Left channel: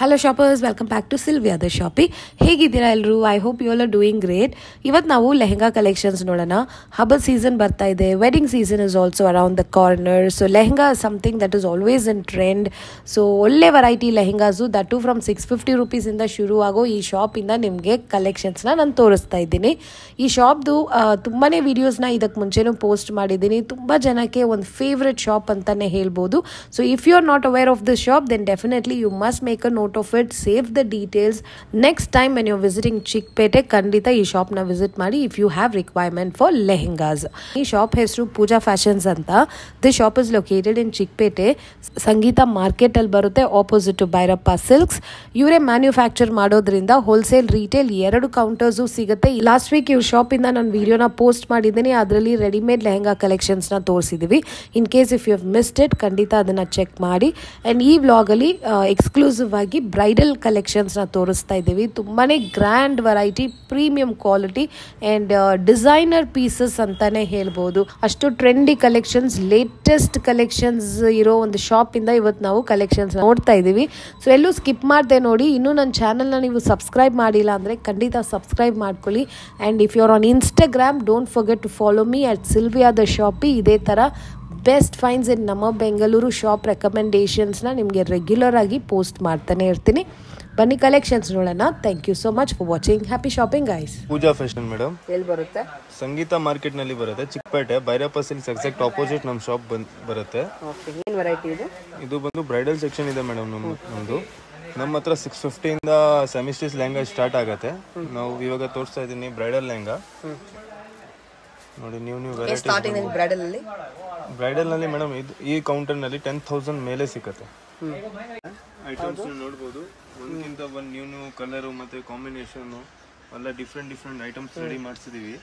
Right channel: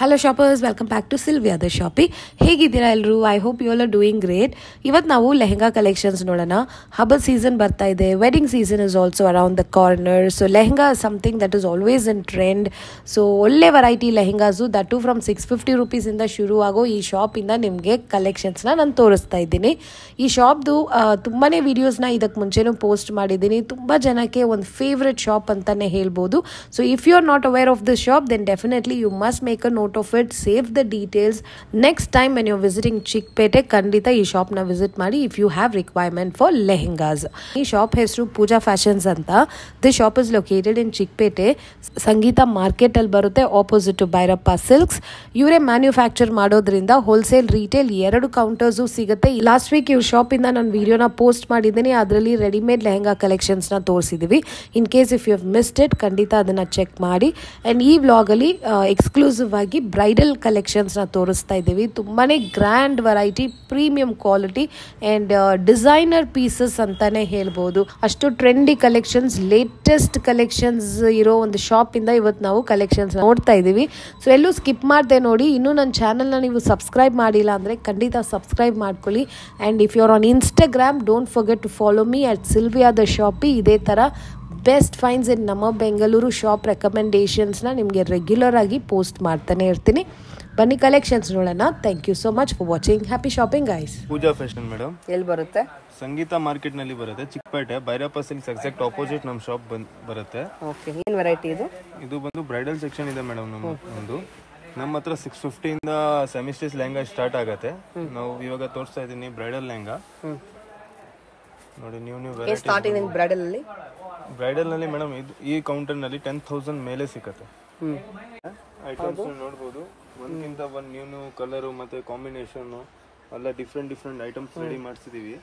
Hello shoppers, welcome back to Sylvia the Shoppy. ಹೇಗಿದ್ದೀರಾ ಎಲ್ಲರೂ? I hope you all are doing great. ಇವತ್ತು ನಾವು lehenga collections ನೋಡೋಣ. ಹಬ್ಬದ ಸೀಸನ್ ಬರ್ತಾ ಇದೆ, wedding season is also around the corner. So lehenga something that is always in trend. So ಒಳ್ಳೆ variety lehengas that to from 650 ರೂಪೀಸಿಂದ ಶುರು ಆಗೋ ಈ ಶಾಪಿಂದ ನಿಮಗೆ ಕಲೆಕ್ಷನ್ಸ್ನ ನಾನು ತೋರಿಸ್ತಾ ಇದ್ದೀನಿ. ಈ ಶಾಪ್ದು ತುಂಬಾ ವೀಡಿಯೋಸ್ನ ಇದಕ್ಕೆ ಮುಂಚೆನೂ ಪೋಸ್ಟ್ ಮಾಡಿದ್ದೀನಿ. ತುಂಬ ಜನಕ್ಕೆ ಒಂದು ಫೇವ್ರೆಟ್ ಶಾಪ್ ಅಂತಲೇ ಹೇಳ್ಬೋದು. So if you are not aware of this shop then definitely you must make a note of it, save the details. Next time when you're visiting Chickpete ಖಂಡಿತ ಈ ಶಾಪ್ನ ವಿಸಿಟ್ ಮಾಡಿ if you have requirement for lehengas. ಈ shop ಹೆಸರು Pooja fashions ಅಂತ. This shop is located in Chickpete, Sangeetha market ಅಲ್ಲಿ ಬರುತ್ತೆ, opposite to Bhairappa silks. ಇವರೇ ಮ್ಯಾನ್ಯುಫ್ಯಾಕ್ಚರ್ ಮಾಡೋದ್ರಿಂದ ಹೋಲ್ಸೇಲ್ ರಿಟೇಲ್ ಎರಡು ಕೌಂಟರ್ಸು ಸಿಗುತ್ತೆ. ಲಾಸ್ಟ್ ವೀಕ್ ಇವ್ರ ಶಾಪಿಂದ ನಾನು ವಿಡಿಯೋನ ಪೋಸ್ಟ್ ಮಾಡಿದ್ದೀನಿ, ಅದರಲ್ಲಿ ರೆಡಿಮೇಡ್ ಲೆಹೆಂಗಾ ಕಲೆಕ್ಷನ್ಸ್ನ ತೋರಿಸಿದ್ದೀವಿ. In case if you have missed it ಖಂಡಿತ ಅದನ್ನು ಚೆಕ್ ಮಾಡಿ. ಆ್ಯಂಡ್ ಈ ವ್ಲಾಗಲ್ಲಿ ಎಕ್ಸ್ಕ್ಲೂಸಿವ್ ಆಗಿ ಬ್ರೈಡಲ್ ಕಲೆಕ್ಷನ್ಸ್ನ ತೋರಿಸ್ತಾ ಇದ್ದೀವಿ. ತುಂಬಾ grand variety, premium quality and designer pieces ಅಂತಾನೆ ಹೇಳ್ಬೋದು. ಅಷ್ಟು ಟ್ರೆಂಡಿ ಕಲೆಕ್ಷನ್ಸ್, ಲೇಟೆಸ್ಟ್ ಕಲೆಕ್ಷನ್ಸ್ ಇರೋ ಒಂದು ಶಾಪಿಂದ ಇವತ್ತು ನಾವು ಕಲೆಕ್ಷನ್ಸ್ ನೋಡ್ತಾ ಇದ್ದೀವಿ. ಸೊ ಎಲ್ಲೂ ಸ್ಕಿಪ್ ಮಾಡದೆ ನೋಡಿ. ಇನ್ನೂ ನನ್ನ ಚಾನಲ್ನ ನೀವು ಸಬ್ಸ್ಕ್ರೈಬ್ ಮಾಡಿಲ್ಲ ಅಂದರೆ ಖಂಡಿತ ಸಬ್ಸ್ಕ್ರೈಬ್ ಮಾಡ್ಕೊಳ್ಳಿ. And if you are on Instagram don't forget to follow me at Silvia the Shoppy. ಇದೇ ಥರ ಬೆಸ್ಟ್ ಫೈನ್ಸ್ ಇನ್ ನಮ್ಮ ಬೆಂಗಳೂರು ಶಾಪ್ ರೆಕಮೆಂಡೇಷನ್ಸ್ನ ನಿಮಗೆ ರೆಗ್ಯುಲರ್ ಆಗಿ ಪೋಸ್ಟ್ ಮಾಡ್ತಾನೆ ಇರ್ತೀನಿ. ಬನ್ನಿ ಕಲೆಕ್ಷನ್ಸ್ ನೋಡೋಣ. Thank you so much for watching. Happy shopping guys. Pooja fashion madam ಎಲ್ಲಿ ಬರುತ್ತೆ? ಸಂಗೀತ ಮಾರ್ಕೆಟ್ ನಲ್ಲಿ ಬರುತ್ತೆ, Chickpet Bhairappa silks exact opposite ನಮ್ಮ ಶಾಪ್ ಬರುತ್ತೆ. ಓಕೆ, ಏನು ವೆರೈಟಿ ಇದು? ಇದು ಬಂದು ಬ್ರೈಡಲ್ ಸೆಕ್ಷನ್ ಇದೆ ಮೇಡಮ್. ನಮ್ಮದು ನಮ್ಮ ಹತ್ರ 650 ಇಂದ ಸೆಮಿಸ್ಟೀಸ್ ಲೆಹಂಗಾ ಸ್ಟಾರ್ಟ್ ಆಗುತ್ತೆ. ನಾವು ಇವಾಗ ತೋರಿಸ್ತಾ ಇದ್ದೀನಿ ಬ್ರೈಡಲ್ ಲೆಹಂಗಾ. ನೋಡಿ ನ್ಯೂ ವೆರೈಟಿ ಬ್ರೈಡಲ್ ಅಲ್ಲಿ. ಬ್ರೈಡಲ್ ನಲ್ಲಿ ಮೇಡಮ್ ಈ ಕೌಂಟರ್ ನಲ್ಲಿ 10,000 ಮೇಲೆ ಸಿಕ್ಕತ್ತೆ. ಐಟಮ್ಸ್ ನೋಡ್ಬೋದು, ಒಂದ್ಕಿಂತ ಒಂದ್ ನ್ಯೂ ಕಲರ್ ಮತ್ತೆ ಕಾಂಬಿನೇಷನ್ ಎಲ್ಲ ಡಿಫ್ರೆಂಟ್ ಐಟಮ್ಸ್ ರೆಡಿ ಮಾಡಿಸಿದೀವಿ.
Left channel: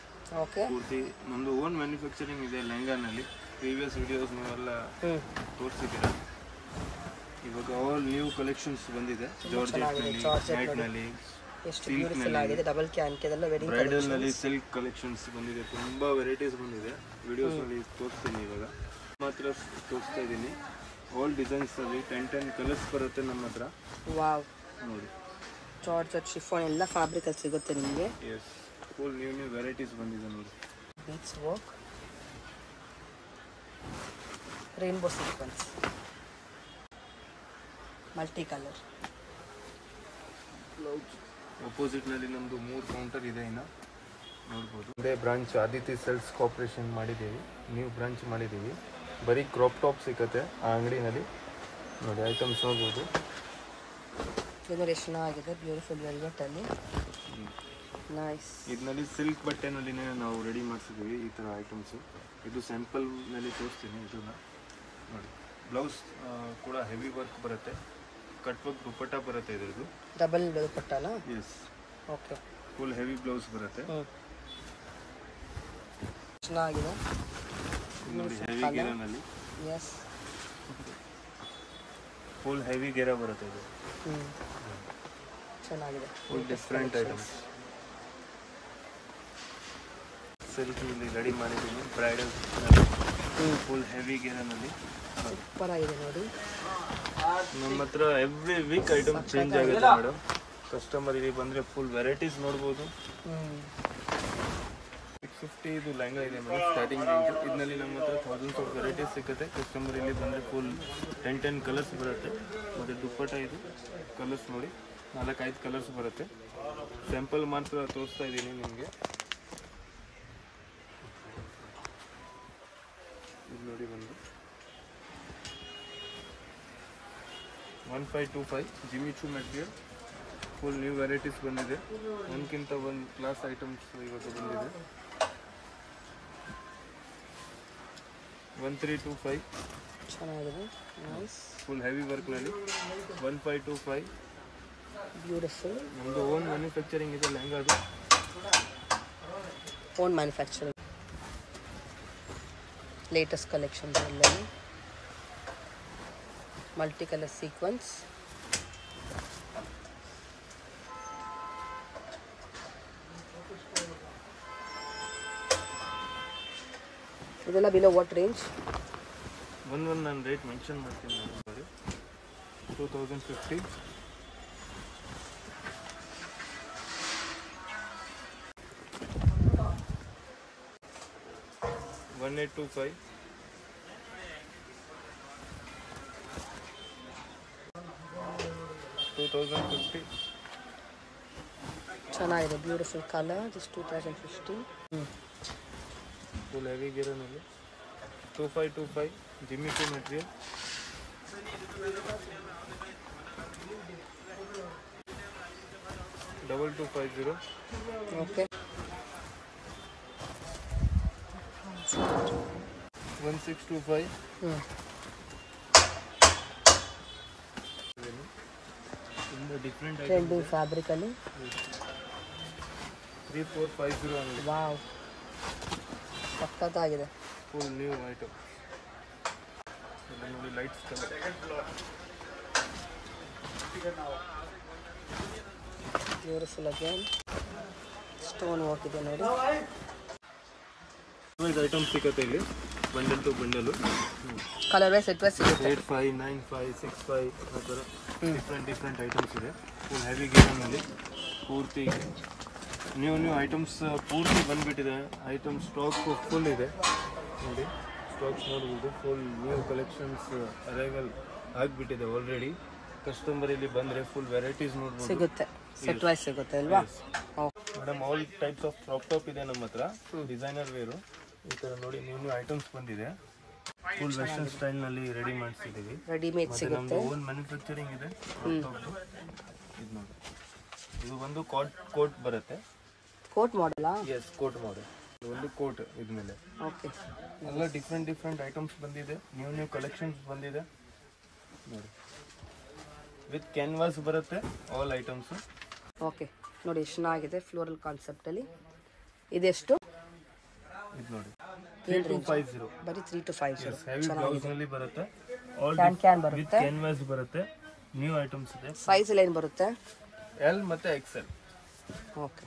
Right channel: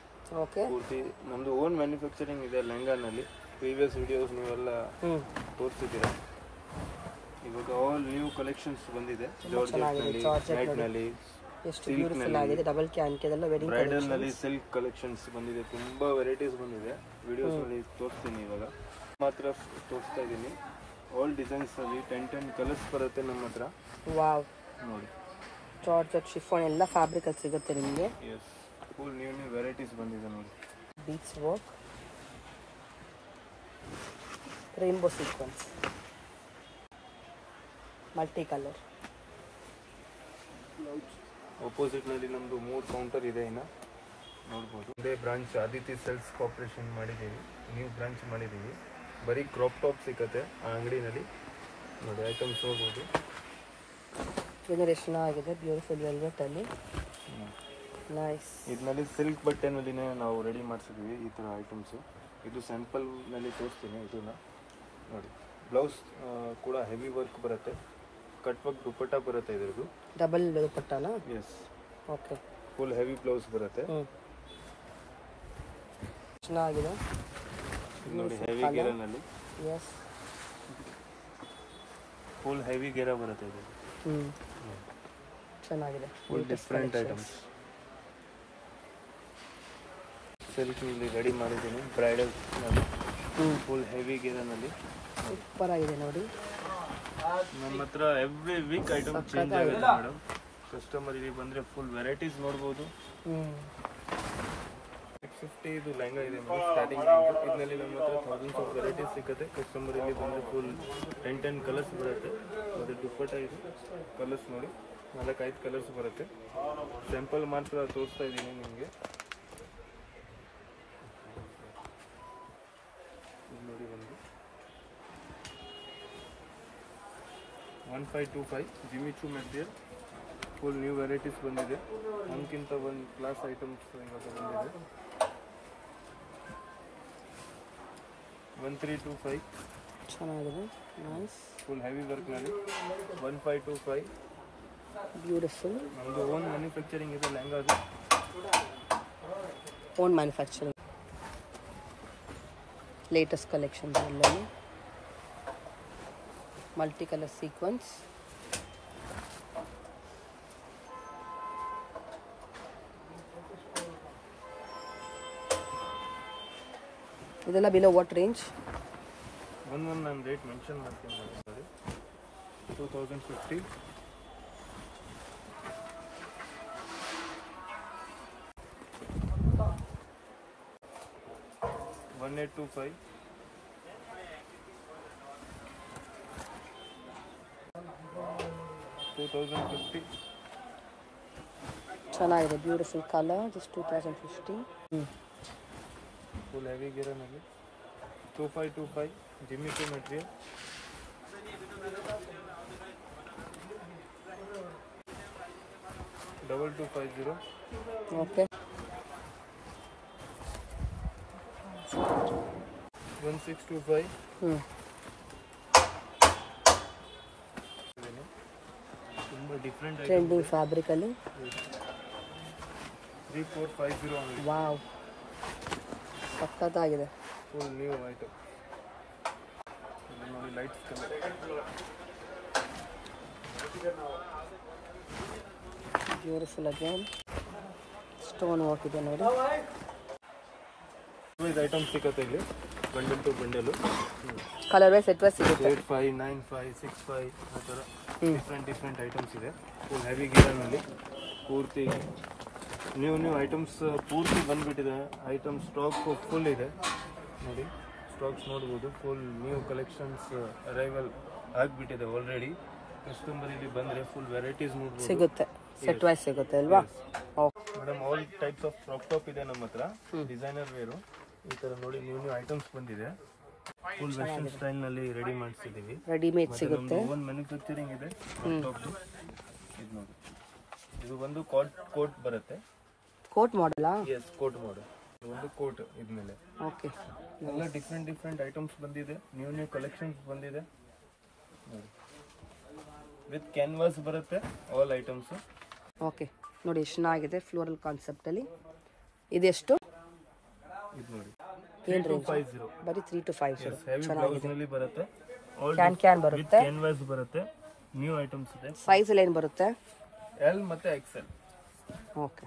ಪೂರ್ತಿ ನಮ್ದು ಓನ್ ಮ್ಯಾನುಫ್ಯಾಕ್ಚರಿಂಗ್ ಇದೆ ಲೆಹಂಗಾನಲ್ಲಿ. ಪ್ರೀವಿಯಸ್ ವಿಡಿಯೋಸ್ ನೀವೆಲ್ಲ ತೋರಿಸಿದ್ದೀರಾ. ಇವಾಗ ಆಲ್ ನ್ಯೂ ಕಲೆಕ್ಷನ್ಸ್ ಬಂದಿದೆ. ಜಾರ್ಜೆಟ್ ನಲ್ಲಿ, ಮ್ಯಾಟ್ ನಲ್ಲಿ, ಸಿಲ್ಕ್ ನಲ್ಲಿ, ಡಬಲ್ ಕ್ಯಾನ್ಕೆದೆಲ್ಲ ವೆರಿ ಬ್ರೈಡಲ್ ನಲ್ಲಿ ಸಿಲ್ಕ್ ಕಲೆಕ್ಷನ್ಸ್ ಬಂದಿದೆ. ತುಂಬಾ ವೆರೈಟೀಸ್ ಬಂದಿದೆ. ವಿಡಿಯೋಸ್ ನಲ್ಲಿ ತೋರಿಸ್ತೀನಿ, ಇವಾಗ ಮಾತ್ರ ತೋರಿಸ್ತಾ ಇದ್ದೀನಿ. ಆಲ್ ಡಿಸೈನ್ಸ್ ಅಲ್ಲಿ 10 ಕಲರ್ಸ್ ಬರುತ್ತೆ ನಮ್ಮ ಹತ್ರ. ವಾವ್, ನೋಡಿ ಜಾರ್ಜೆಟ್, ಶಿಫಾನ್ ಎಲ್ಲ ಫ್ಯಾಬ್ರಿಕ್ ಅಲ್ಲಿ ಸಿಗುತ್ತೆ ನಿಮಗೆ. ಎಸ್, ಫುಲ್ ನ್ಯೂ ವೆರೈಟೀಸ್ ಬಂದಿದೆ ನೋಡಿ. Beads work, rainbow sequence, multi colour. Opposite ನಲ್ಲಿ ನಮ್ದು 3 ಕೌಂಟರ್ ಇದೆ. ಇನ್ನು ನೋಡ್ಬೋದು. ಒಂದೇ ಬ್ರಾಂಚ್ ಆದಿತ್ಯ ಸೆಲ್ಸ್ ಕಾರ್ಪೊರೇಷನ್ ಮಾಡಿದ್ದೀವಿ, ನ್ಯೂ ಬ್ರಾಂಚ್ ಮಾಡಿದ್ದೀವಿ. ಬರೀ ಕ್ರಾಪ್ ಟಾಪ್ ಸಿಗುತ್ತೆ ಆ ಅಂಗಡಿನಲ್ಲಿ. ನೋಡಿ ಐಟಮ್ಸ್ ನೋಡ್ಬೋದು. ಇದು ಚೆನ್ನಾಗಿದೆ, ಬ್ಯೂಟಿಫುಲ್ ವೆಲ್ವೆಟ್ ಅಲ್ಲಿ. ನೈಸ್. ಇದರಲ್ಲಿ ಸಿಲ್ಕ್ ಬಟ್ಟೆನಲ್ಲಿನೇ ನಾವು ರೆಡಿ ಮಾಡಿಸಿದ್ದೀವಿ ಈ ಥರ ಐಟಮ್ಸು. ಇದು ಸ್ಯಾಂಪಲ್ ನಲ್ಲಿ ತೋರಿಸ್ತೀನಿ. ಇದನ್ನ ನೋಡಿ, ಬ್ಲೌಸ್ ಕೂಡ ಹೆವಿ ವರ್ಕ್ ಬರುತ್ತೆ, ಕಟ್ ವರ್ಕ್ ದುಪ್ಪಟ್ಟ ಬರುತ್ತೆ. ಇದ್ರದ್ದು ಡಬಲ್ ದುಪ್ಪಟ್ಟನಾ? Yes. Okay, full heavy blouse ಬರುತ್ತೆ. ಚೆನ್ನಾಗಿದೆ ನೋಡಿ, ಹೆವಿ ಗೆರೆನಲ್ಲಿ. ಎಸ್, ಫುಲ್ ಹೆವಿ ಗೆರೆ ಬರುತ್ತೆ ಇದು. ಚೆನ್ನಾಗಿದೆ. ಫುಲ್ ಡಿಫ್ರೆಂಟ್ ಐಟಮ್ಸ್ ಸಿಲ್ಕ್ ನಲ್ಲಿ ರೆಡಿ ಮಾಡಿದ್ದೀನಿ. ಬ್ರೈಡಲ್ ನಲ್ಲಿ ಫುಲ್ ಹೆವಿ ಗೆರೆನಲ್ಲಿ ಸೂಪರ್ ಆಗಿದೆ ನೋಡಿ. ನಮ್ಮ ಹತ್ರ ಎವ್ರಿ ವೀಕ್ ಐಟಮ್ ಚೇಂಜ್ ಆಗುತ್ತೆ ಮೇಡಮ್. ಕಸ್ಟಮರ್ ಇಲ್ಲಿ ಬಂದರೆ ಫುಲ್ ವೆರೈಟೀಸ್ ನೋಡ್ಬೋದು. 650 ಇದು ಲೆಹಂಗಾ ಇದೆ ಮೇಡಮ್, ಸ್ಟಾರ್ಟಿಂಗ್ ರೇಂಜು. ಇದರಲ್ಲಿ ನಮ್ಮ ಹತ್ರ ಥೌಸಂಡ್ಸ್ ಆಫ್ ವೆರೈಟೀಸ್ ಸಿಗುತ್ತೆ. ಕಸ್ಟಮರ್ ಇಲ್ಲಿ ಬಂದರೆ ಫುಲ್ 10 ಕಲರ್ಸ್ ಬರುತ್ತೆ. ಮತ್ತು ದುಪ್ಪಟ್ಟ ಇದು ಕಲರ್ಸ್ ನೋಡಿ, 4-5 ಕಲರ್ಸ್ ಬರುತ್ತೆ. ಸ್ಯಾಂಪಲ್ ಮಾತ್ರ ತೋರಿಸ್ತಾ ಇದ್ದೀನಿ ನಿಮಗೆ. ಇದು ನೋಡಿ, ಒಂದು 1525 Jimmy Choo material. Full new varieties ಬಂದಿದೆ. ಒಂದ್ಕಿಂತ ಒಂದು ಕ್ಲಾಸ್ ಐಟಮ್ಸ್ ಇವಾಗ ಬಂದಿದೆ. 1325 ಫುಲ್ ಹೆವಿ ವರ್ಕ್ನಲ್ಲಿ. 1525 ಬ್ಯೂಟಿಫುಲ್. ನಮ್ಮದು ಓನ್ ಮ್ಯಾನುಫ್ಯಾಕ್ಚರಿಂಗ್ ಇದೆ ಲೆಹಂಗಾದು. Own manufacturing. ಲೇಟೆಸ್ಟ್ ಕಲೆಕ್ಷನ್ಸ್ ಎಲ್ಲ ಮಲ್ಟಿ ಕಲರ್ ಸೀಕ್ವೆನ್ಸ್. ಇದೆಲ್ಲ ಬಿಲೋ ವಾಟ್ ರೇಂಜ್? ಒಂದು ನಾನು ರೇಟ್ ಮೆನ್ಷನ್ ಮಾಡ್ತೀನಿ ನೋಡಿ. 2050 1825. 2050. ಚೆನ್ನಾಗಿದೆ, beautiful colour. Just 2050. Full heavy ಗಿರನಲ್ಲಿ 2525 ಜಿಮ್ಮಿಕಿ ಮೆಟೀರಿಯಲ್. 2250. ಓಕೆ. 1625. ತುಂಬ ಡಿಫ್ರೆಂಟ್ ಐಟಮ್. ಟ್ರೆಂಡಿಂಗ್ ಫ್ಯಾಬ್ರಿಕ್ ಅಲ್ಲಿ 3450 ಆನ್ಲಿ. ವಾವ್, ಸಖತ್ತಾಗಿದೆ. Full new item. ನೋಡಿ lights colour. Beautiful again stone ಹಾಕಿದೆ ನೋಡಿ. ಇದು ಐಟಮ್ ಸಿಗುತ್ತೆ ಇಲ್ಲಿ bundle to bundle. Colour wise set wise ಸಿಗುತ್ತೆ. 85, 95, 65 ಆ ಥರ ಡಿಫ್ರೆಂಟ್ ಐಟಮ್ಸ್ ಇದೆ. ಫುಲ್ ಹೆವಿ ಗಿರನಲ್ಲಿ ಪೂರ್ತಿ ನ್ಯೂ ಐಟಮ್ಸ್ ಪೂರ್ತಿ ಬಂದುಬಿಟ್ಟಿದೆ. ಐಟಮ್ ಸ್ಟಾಕ್ ಫುಲ್ ಇದೆ ನೋಡಿ. ಸ್ಟಾಕ್ಸ್ ನೋಡ್ಬೋದು. ಫುಲ್ ನ್ಯೂ ಕಲೆಕ್ಷನ್ಸ್ ಅರೈವಲ್ ಆಗಿಬಿಟ್ಟಿದೆ ಆಲ್ರೆಡಿ. ಕಸ್ಟಮರ್ ಇಲ್ಲಿ ಬಂದರೆ ಫುಲ್ ವೆರೈಟೀಸ್ ನೋಡ್ಬೋದು. ಸಿಗುತ್ತೆ, ಸೆಟ್ ವೈಸ್ ಸಿಗುತ್ತೆ ಅಲ್ವಾ? Madam all types of crop top ಇದೆ ನಮ್ಮ ಹತ್ರ. ಡಿಸೈನರ್ ವೇರು ಈ ಥರ ನೋಡಿ ನ್ಯೂ ಐಟಮ್ಸ್ ಬಂದಿದೆ. ಫುಲ್ ವೆಸ್ಟರ್ನ್ ಸ್ಟೈಲ್ನಲ್ಲಿ ರೆಡಿ ಮಾಡಿಸಿದ್ದೀವಿ. ರೆಡಿಮೇಡ್ ಸಿಗುತ್ತೆ. ನಮ್ಮದು ಓನ್ ಮ್ಯಾನುಫ್ಯಾಕ್ಚರಿಂಗ್ ಇದೆ ಕ್ರಾಪ್ ಟಾಪ್ದು. ಇದು ನೋಡಿ, ಇದು ಒಂದು ಕೋಟ್ ಬರುತ್ತೆ. ಕೋಟ್ ಮಾಡಲ್ಲ? Yes, coat model. ಒಂದು ಕೋಟ್ ಇದ್ಮೇಲೆ ಓಕೆ. ಎಲ್ಲ ಡಿಫ್ರೆಂಟ್ ಐಟಮ್ಸ್ ಬಂದಿದೆ. ನ್ಯೂ ಕಲೆಕ್ಷನ್ಸ್ ಬಂದಿದೆ ನೋಡಿ. ವಿತ್ ಕ್ಯಾನ್ವಾಸ್ ಬರುತ್ತೆ ಆಲ್ ಐಟಮ್ಸ್. ಓಕೆ ನೋಡಿ, ಎಷ್ಟು ಚೆನ್ನಾಗಿದೆ ಫ್ಲೋರಲ್ ಕಾನ್ಸೆಪ್ಟ್ ಅಲ್ಲಿ. ಇದೆಷ್ಟು? ಇದು ನೋಡಿ 3250. ಬರೀ 3250. ಹೆವಿ ಬ್ಲೌಸ್ ನಲ್ಲಿ ಬರುತ್ತೆ. ಆಲ್ ಕ್ಯಾನ್ ಬರುತ್ತೆ, ವಿತ್ ಕ್ಯಾನ್ವಾಸ್ ಬರುತ್ತೆ. ನ್ಯೂ ಐಟಮ್ಸ್ ಇದೆ. ಸೈಜ್ ಅಲ್ಲಿ ಏನು ಬರುತ್ತೆ? ಎಲ್ ಮತ್ತೆ XL. Okay.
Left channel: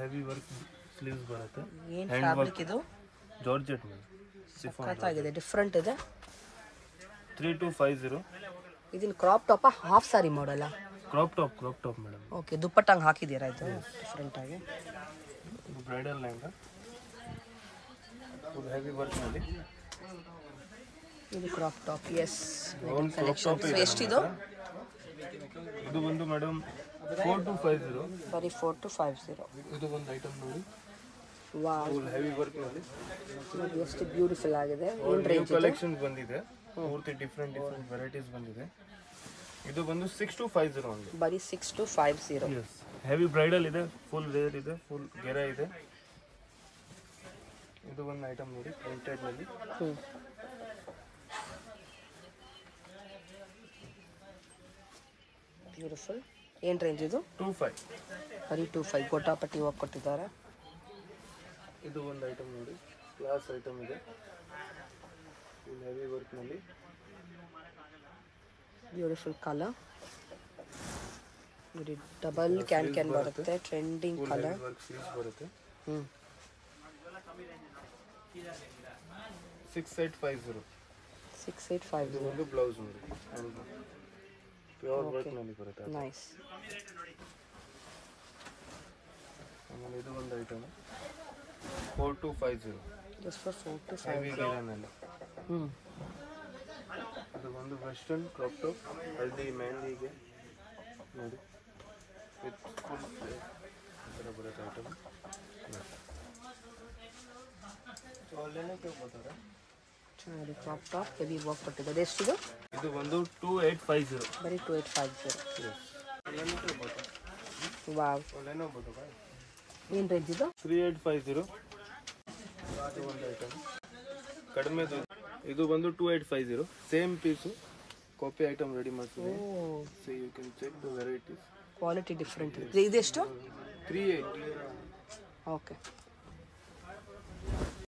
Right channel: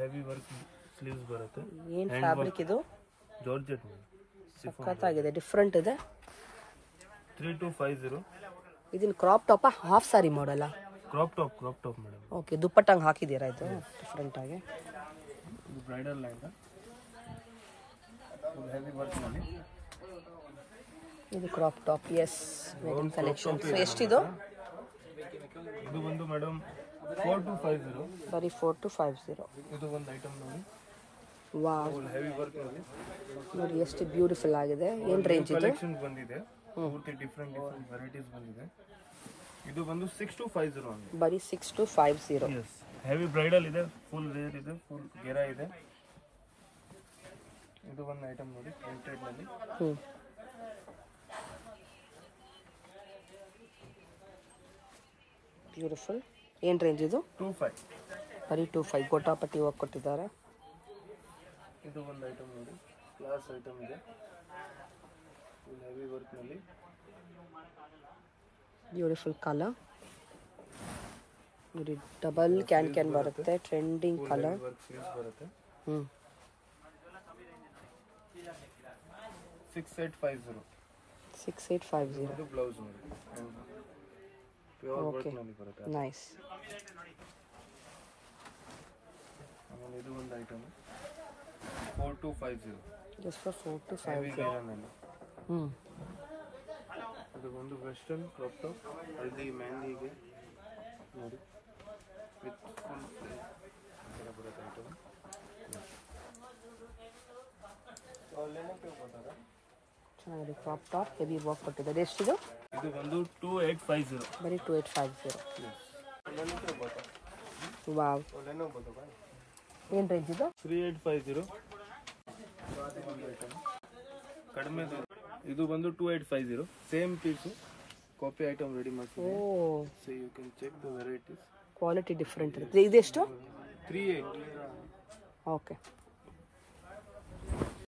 Heavy work sleeves ಬರುತ್ತೆ. ಏನು ಫ್ಯಾಬ್ರಿಕ್ ಇದು? ಜಾರ್ಜೆಟ್ ಮೇಲೆ ಸಖತ್ತಾಗಿದೆ, ಡಿಫ್ರೆಂಟ್ ಇದೆ. 3250. ಇದನ್ನ ಕ್ರಾಪ್ ಟಾಪ್ ಹಾಫ್ ಸಾರಿ ಮಾಡಲ್ಲ? Crop top madam. ಓಕೆ, ದುಪ್ಪಟ್ಟಂಗೆ ಹಾಕಿದ್ದೀರಾ ಇದು ಡಿಫ್ರೆಂಟ್ ಆಗಿ? ಇದು ಬ್ರೈಡಲ್ ಲೆಹಂಗಾ ಹೆವಿ ವರ್ಕ್ ನಲ್ಲಿ. ಇದು crop top. Yes, crop top ಇದೆ. ಎಷ್ಟಿದು? ಇದು ಬಂದು ಮೇಡಮ್ 4250. ಬರೀ 4250. ಇದು ಒಂದು ಐಟಮ್ ನೋಡಿ. ವಾವ್, ಫುಲ್ ಹೆವಿ ವರ್ಕ್ ನಲ್ಲಿ ಎಷ್ಟು ಬ್ಯೂಟಿಫುಲ್ ಆಗಿದೆ. ಏನು ನ್ಯೂ ಕಲೆಕ್ಷನ್ ಬಂದಿದೆ. ಪೂರ್ತಿ ಡಿಫ್ರೆಂಟ್ ವೆರೈಟೀಸ್ ಬಂದಿದೆ. ಇದು ಬಂದು 6250 ಓನ್ಲಿ. ಬರೀ 6250. ಎಸ್, ಹೆವಿ ಬ್ರೈಡಲ್ ಇದೆ. ಫುಲ್ ವೇರ್ ಇದೆ. ಫುಲ್ ಗೆರಾ ಇದೆ. ಇದು ಒಂದು ಐಟಮ್ ನೋಡಿ ಪ್ರಿಂಟೆಡ್ ನಲ್ಲಿ. ಬ್ಯೂಟಿಫುಲ್. ಏನು ರೇಂಜ್ ಇದು? 25. ಬರೀ 25. ಗೋಟಾಪಟ್ಟಿ ಹೋಗಿ ಕೊಟ್ಟಿದ್ದಾರೆ. ಇದು ಒಂದು ಐಟಮ್ ನೋಡಿ, ಕ್ಲಾಸ್ ಐಟಮ್ ಇದೆ. ಫುಲ್ ಹೆವಿ ವರ್ಕ್ ನಲ್ಲಿ. ಬ್ಯೂಟಿಫುಲ್ ಕಲರ್ ನೋಡಿ. ಡಬಲ್ ಕ್ಯಾನ್ ಬರುತ್ತೆ. Trending colour. ವರ್ಕ್ ಸ್ಲೀವ್ಸ್ ಬರುತ್ತೆ. 6850. 6850. ಒಂದು ಬ್ಲೌಸ್ ನೋಡಿ. ಪ್ಯೂರ್ ವರ್ಕ್ ನಲ್ಲಿ ಬರುತ್ತೆ. ನೈಸ್. ಆಮೇಲೆ ಇದು ಒಂದು ಐಟಮ್ 4250. Just for 4250. ಹೆವಿ ಗಿರಾನಲ್ಲಿ. ಇದು ಒಂದು ವೆಸ್ಟರ್ನ್ ಕ್ರಾಪ್ ಟಾಪ್ ಹಲ್ದಿ ಮೆಹಂದಿಗೆ ನೋಡಿ. ವಿತ್ ಫುಲ್ ಥರ ಬರುತ್ತೆ ಐಟಮ್. ಚೆನ್ನಾಗಿದೆ. ಕ್ರಾಪ್ ಟಾಪ್ ಹೆವಿ ವರ್ಕ್ ಕೊಟ್ಟಿದ್ದಾರೆ. ಎಷ್ಟಿದೆ? ಇದು ಒಂದು 2850. ಬರೀ 2850. ವಾವ್, ಏನು ರೇಂಜ್ ಇದು? 3850. ಒಂದು ಐಟಮ್ ಕಡಿಮೆದು. ಇದು ಬಂದು 2850. Same piece copy item ready ಮಾಡ್ತೀವಿ. So you can check the varieties. Quality different ಇದೆ. ಇದೆಷ್ಟು? 38. ಓಕೆ.